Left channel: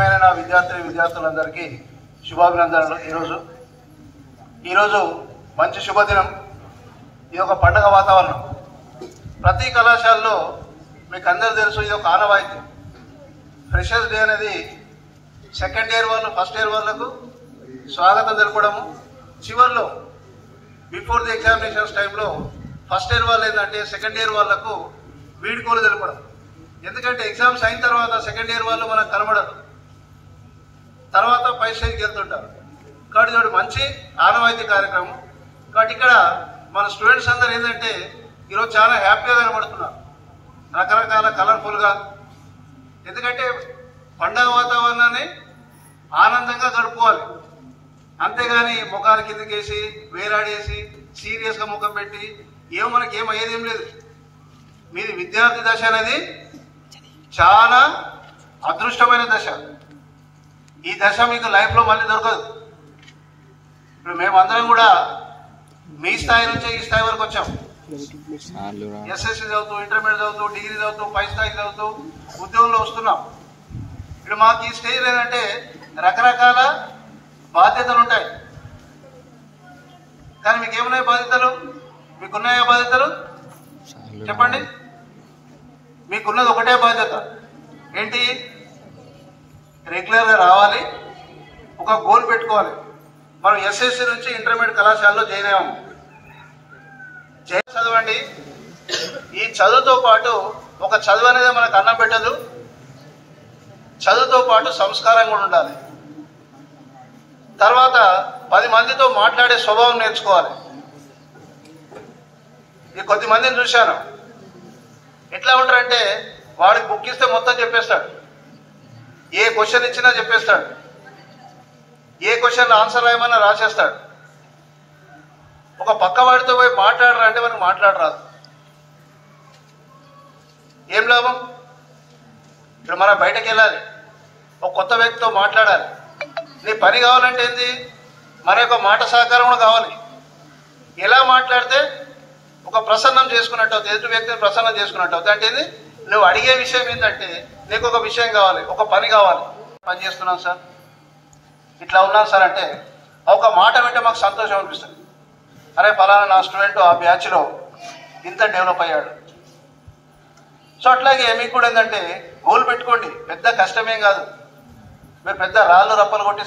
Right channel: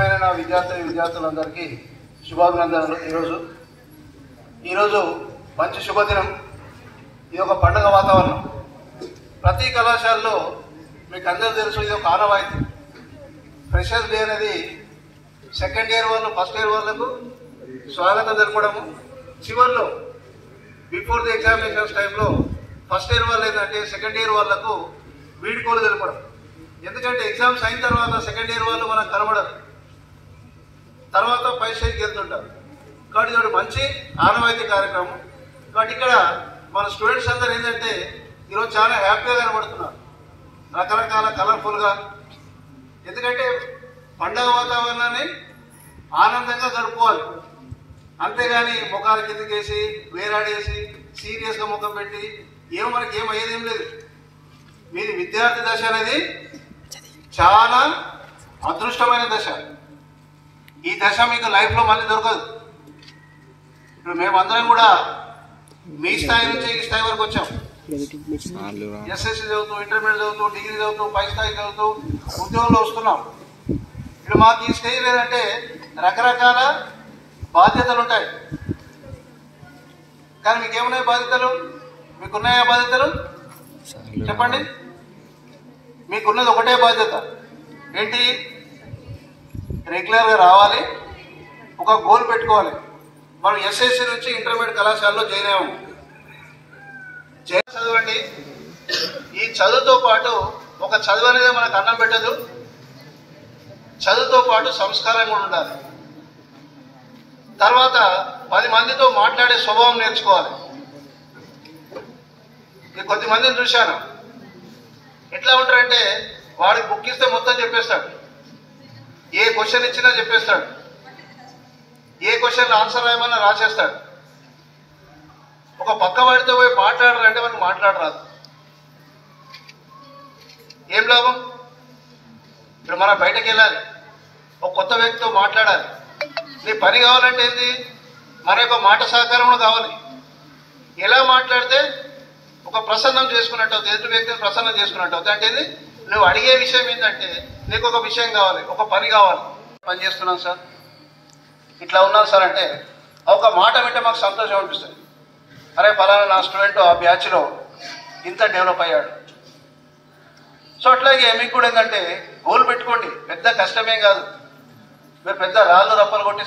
ప్రియమైన నా విద్యార్థులందరికీ శుభాభినందనలు. ఈరోజు మంచి శుభదినం. ఇది ఒక పండుగ వాతావరణం. ప్రతి కళాశాలలో మీకు అందరూ తెలుసు, ఇది ఒక ఆనవాయితీ. ఫ్రెషర్స్ డే అనేది సెకండ్ ఇయర్ వాళ్ళు ఫస్ట్ ఇయర్ వాళ్ళకు స్వాగతం తెలపడము, చివరిలో బిఫోర్ ది ఎగ్జామినేషన్స్ టైంలో ఫస్ట్ ఇయర్ వాళ్ళు ఏంటంటే సెకండ్ ఇయర్ వాళ్ళకు వీడ్కోలు తెలపడం. ఎందుకంటే ఎగ్జామ్స్ అయిన తర్వాత సెకండ్ ఇయర్ వాళ్ళు మనకు కనబడరు, తర్వాత పై స్టేజ్కి వెళ్తుంటారు. కాబట్టి ఇది మంచి ఆనవాయితీ కార్యక్రమం. కాబట్టి ఇక్కడ మన స్టూడెంట్స్ అందరూ ఏంటంటే ఈరోజు చాలా హ్యాపీగా కనబడుతున్నారు, రకరకాల కలర్ఫుల్గా. ఎందుకంటే పండగ వాతావరణాన్ని ఆనందంగా గడుపుకోవాలి, అంతేగాని ముఖాలు కిందకేసి వేలాడేసి సీరియస్గా ముఖం పెట్టి మనకి ఏమయ్యేదేం లేదు. మీది విద్యార్థి దశ అనేది చాలా అదృష్టమైన దశ. ఈ దశ మీకు లైఫ్లో మళ్ళీ దొరకదు. ఇప్పుడు మేమందరం కూడా మీ స్థాయి నుంచి ఈ స్థాయి వరకు వచ్చాం. ఎస్ఎస్సి చదువుతూ, ఇంటర్మీడియట్ చదువుతూ, డిగ్రీ చదువుతూ, పై స్థాయి చదువుతూ ఉద్యోగంలో వస్తున్నాం. ఇప్పుడు మాకు ఈ స్టేజ్ లేదంటే రకరకాల బాధ్యతలు ఉంటాయి. కానీ మీకు ఏమున్నాయి బాధ్యతలు? మీకున్నాయా బాధ్యతలు? చెప్పండి. మీకున్నది ఒకటే బాధ్యత ఏంటి? రెగ్యులర్గా రావాలి, ఒక గోల్ పెట్టుకోవాలి. మనం ఎస్ఎస్సి నుంచి ఇంటర్మీడియట్ కళాశాలలో జాయిన్ అయ్యాము. చదవండి. ఈ చదువుతో పాటు ఒక చదువు అనేది మనకు అన్నం పెట్టదు, చదువుతో పాటు సంస్కారం కూడా ఉండాలి. తర్వాత 10 మందితో మాట్లాడే స్వభావం నేర్చుకోవాలి. ఈ కొద్దిమందిని చూశాను, ఎట్లా ఉంటారంటే వాడికి బుక్ ఇస్తే మొత్తం చెప్పేస్తాడు, ఏ క్వశ్చన్ ఇచ్చినా చెప్పేస్తాడు, ఏ క్వశ్చన్ ఆన్సర్ రాయమన్నా రాసేస్తాడు. ఒక పక్క వాడితో పోయి మాట్లాడరంటే మనకు మాట్లాడరాదు. ఏం లాభం? ఇప్పుడు మనం బయటకు వెళ్ళాలి, ఒక కొత్త వ్యక్తితో మాట్లాడాలి. నీ పని కావాలంటే ఏంటి? మన యొక్క మాట సహకారం కూడా కావాలి. ఎలా మాట్లాడితే ఒక ప్రసన్నం చేసుకున్నట్టు అవుతుంది, ఎదుటి వ్యక్తిని ప్రసన్నం చేసుకున్నట్టు అవుతుంది. అంటే ఏంది? నువ్వు అడిగే విషయం ఏంటంటే నీకు ఒక విషయం కావాలి, ఒక పని కావాలి. పని చేస్తున్నాను సార్, ఇట్లా ఉన్నాను సార్ అంటే ఒక మాట వింటే మాకు సంతోషం అనిపిస్తుంది. అరే ఫలానా నా స్టూడెంట్ ఆ బ్యాచ్లో ఇంత డెవలప్ అయ్యాడు. సో అట్లాగే మీకు కూడా ఏంటంటే గోల్ పెట్టుకోండి. పెద్ద కష్టమేం కాదు. మీరు పెద్ద రాళ్ళు రప్పలు కొట్టి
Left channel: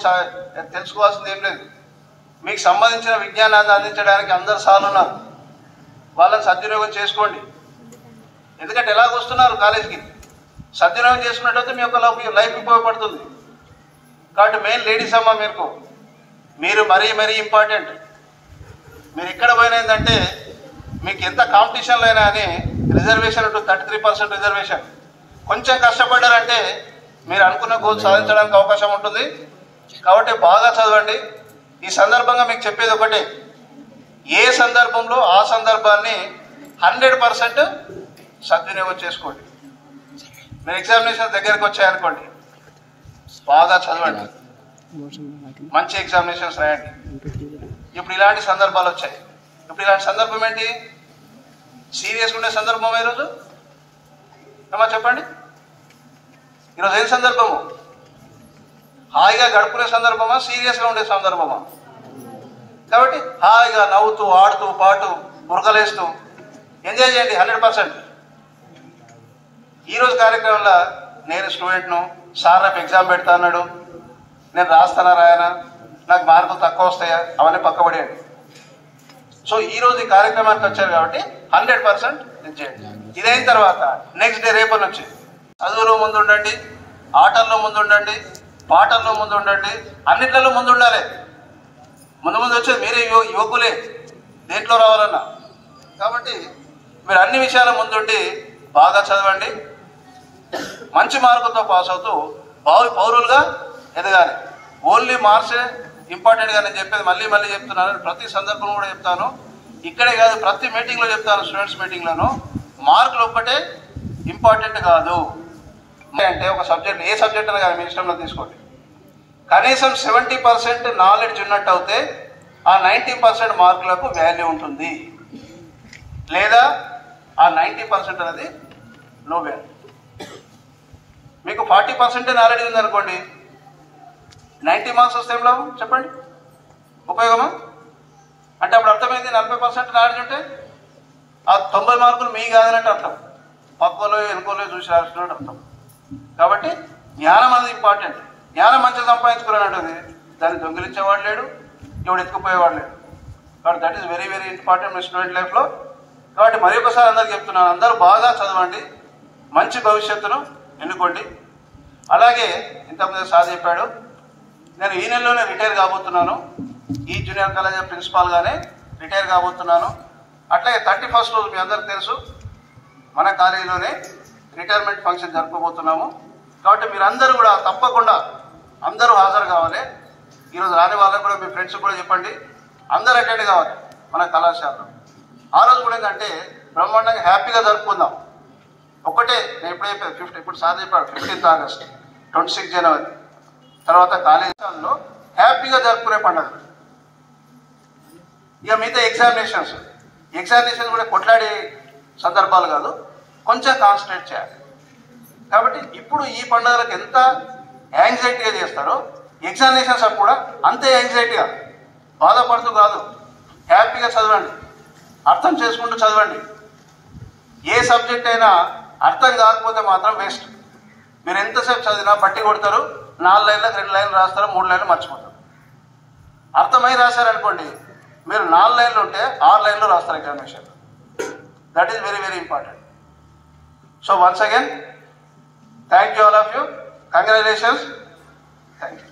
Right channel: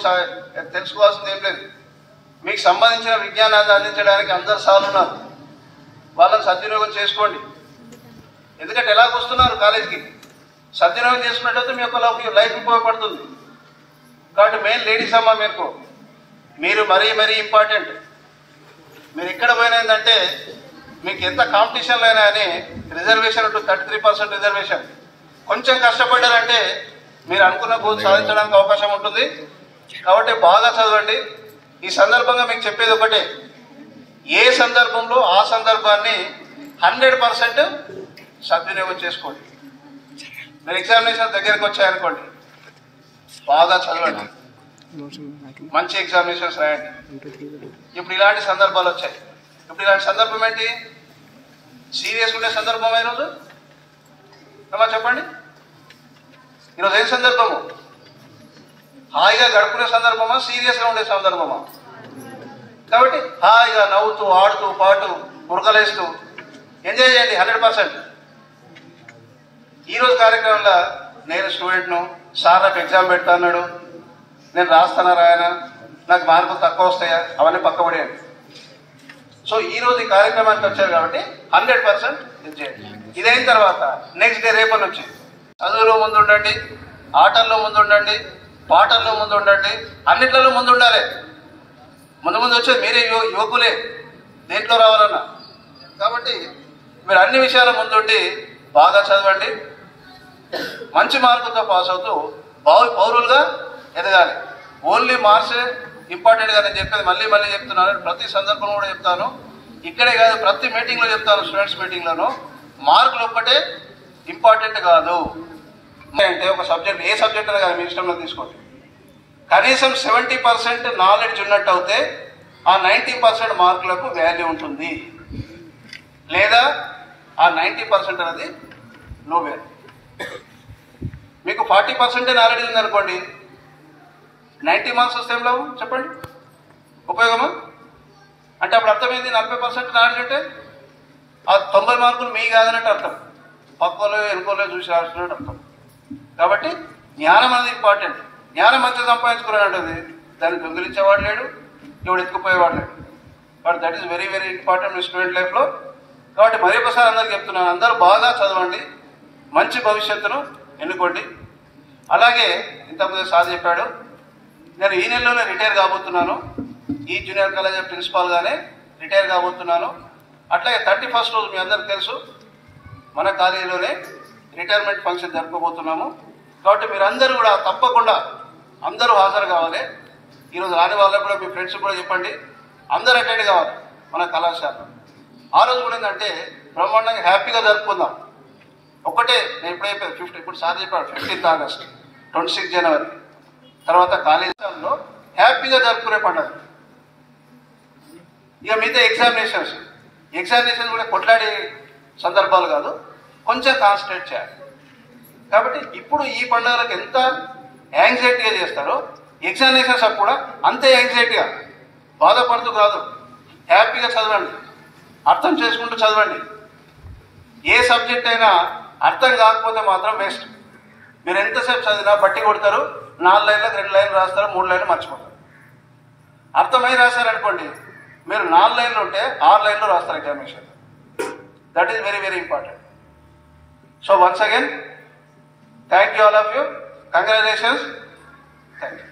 తెలుసుకోవాల్సింది ఏం లేదు. మీకు సంబంధించిన విజ్ఞానాన్ని అందించడానికి అందరు సార్లు ఉన్నారు, వాళ్ళని సద్వినియోగం చేసుకోండి. ఎందుకంటే ఎలాగొస్తున్నారు కాలేజీకి, సద్వినియోగం చేసుకున్నట్లయితే మీ యొక్క లైఫ్ ఉపయోగపడుతుంది. కాబట్టి మెయిన్ లేడీస్ అమ్మ మీరు మరీ ఇంపార్టెంట్. మీరు ఎక్కడ పోయినా ఏంటంటే మీకు ఎంత కాంపిటీషన్లో అయినా అని రిజర్వేషన్ 33% రిజర్వేషన్. కొంచెం కష్టపడ్డారంటే మీరు అనుకున్న గోల్ సాధించడానికి అవకాశం ఉంటుంది. కాబట్టి బాగా చదవండి. ఈ సందర్భంగా మీకు చెప్పేది ఒకటే, ఏ సందర్భంలో ఆ సందర్భాన్ని 100% సద్వినియోగం చేసుకోండి. మీరు ఎగ్జామినేషన్ దగ్గరకు వచ్చాయనుకోండి, బాగా చదవండి, మంచి ఎగ్జామినేషన్స్ రాయండి. ఇప్పుడు ఇలాంటి సందర్భాలు వచ్చాయి. ఇప్పుడు ఇలాంటి సందర్భం ఏంటి? సీరియస్గా ఉండే సందర్భమా ఈరోజు? అమ్మా చెప్పండి, ఈరోజు ఏం సందర్భము? హాయిగా గడుపుకునే సందర్భమా, సీరియస్గా ఉండే సందర్భమా? కాబట్టి హాయిగా నవ్వుతూ ఆడుతూ పాటు ఉరకలేస్తూ ఎంజాయ్ చేయండి 100%. ఈరోజు కార్యక్రమంలో నేను స్టూడెంట్ను, సార్ నాకు ఎగ్జామ్ పెడతా అన్నాడు, నేను రాస్తానా రాయనా, నాకు మార్కులు తక్కువ వస్తాయా, అవన్నీ పక్కబడేయండి. సో ఈరోజు ఈ కార్యక్రమానికి వచ్చారు కాబట్టి 100% ఎంజాయ్. ఇదైన తర్వాత నెక్స్ట్ డే రేపటి నుంచి చదువులో ముందు ఉండండి, ఆటల్లో ముందు ఉండండి, పాటల్లో ముందు ఉండండి, అన్నిట్లలో ముందు ఉండాలి. ముందు వచ్చేది మీరే యువకులే దేంట్లో రావాలన్నా. కాబట్టి మీరు అన్ని విషయాల ముందుండి బాగా చదవండి, మంచి మార్కులతో పాస్ అవుతూ పౌరులుగా ఎదగాలి. ఓన్లీ మార్క్సే ఇంపార్టెంట్గా నేను చెప్పేది మళ్ళీ చెప్తున్నాను, ప్రతి సందర్భంలో కూడా చెప్తాను. ఇక్కడే కాదు, ప్రతి మీటింగ్లో చెప్తాను, స్టూడెంట్స్ మీటింగ్లోనూ. మార్కులు ఒక్కటే ఇంపార్టెంట్ కాదు. అంటే ఒక సబ్జెక్ట్, ఏ సబ్జెక్ట్ అయినా కానీ మీ ఇష్టంలో తీసుకోండి, కనీసం 70% నాలెడ్జ్ ఉన్నట్టు అయితే ఆ 90% మార్కులకు వాల్యూ ఉంటుంది. లేదా ఆ 90% అనేది నో వాల్యూ. మీకు 40% నాలెడ్జ్ ఉందనుకోండి, 90 మార్క్స్ వస్తే ఏం లాభం చెప్పండి, ఉపయోగమా? అంటే అప్పుడు అర్థమైంది 40% నాలెడ్జ్ ఉంటే ఆ 90 మార్కులు మీ కాదనంటే అర్థం, పక్కలో వెనుకోలో చూసి రాస్తున్నట్టు అర్థం. కాబట్టి జ్ఞానం అనేది ఇంపార్టెంట్. జ్ఞానం మంచిగా సంపాదించుకున్నాడు, దాన్ని దొంగిలించేవాడు లేడు, ఇప్పుడు ఎత్తుకుపోయేవాడు లేడు. కాబట్టి that is very very important me student లైఫ్లో. కాబట్టి మరి ఒకసారి అందరికి చెప్తున్నాను, అందరూ బాగా చదవండి, మంచి భవిష్యత్తును ఎన్నుకోండి. అలాగే ఇంతకుముందు సార్ చెప్పాడు, నేను ఈ నెలలోనే రిటైర్ కాబోతున్నాను, ఈ జూనియర్ కాలేజ్ ప్రిన్సిపాల్గానే రిటైర్ కాబోతున్నాను. అట్లాగే 31st రోజు మీ అందరికి తెలుసు మన కాలేజీలోనే రిటైర్మెంట్ ఫంక్షన్ జరుపుకోబోతున్నాము. కాబట్టి మీరందరూ కూడా తప్పకుండా అందరూ హాజరు కావాలి. ఈరోజు రాని వాళ్ళకు కూడా మీ ఫ్రెండ్స్ కూడా చెప్పండి, అందరూ అటెండ్ కావాలి మన కళాశాలలో. ఆ రోజు కూడా ఏంటంటే బ్రహ్మాండంగా హ్యాపీగా జరుపుకుందాం. ఒకటే నేను ఎప్పుడైతే ఇప్పుడు సార్ చెప్పాడు 15th ఆగస్ట్, 26 జనవరి తర్వాత కాలేజీలో హ్యాపీగా జరుపుకునే పండుగ. ఇక మిగతా ఎగ్జామినేషన్స్ కూడా కొట్లాడే సందర్భాలు కాదు, కొంచెం కాన్సన్ట్రేట్ చేయాలి. కాబట్టి ఇప్పుడు ఈ పండుగలకు ఎంత యాంగ్జైటీగా చేస్తారో ఎగ్జామినేషన్స్ అప్పుడు కూడా అంతే యాంగ్జైటీగా, బాధపడుతూ కాదు, హ్యాపీగా చదవండి, అర్థం చేసుకుంటూ చదవండి. ఏ సబ్జెక్ట్ అయినా అర్థం కాకపోతే మాత్రం వేస్ట్. మీరు ఎంతసేపు చదివినా బట్టి కొడతారు, 4 లైన్లకు 2 లైన్లు రాస్తారు, 3 లైన్లు మర్చిపోతారు. అర్థమై రాశారనుకోండి, మీరు 4 లైన్లు ఉంటే 6 లైన్లు రాస్తారు examination. That is very very important. So once again thank you all of you, congratulations, thank you.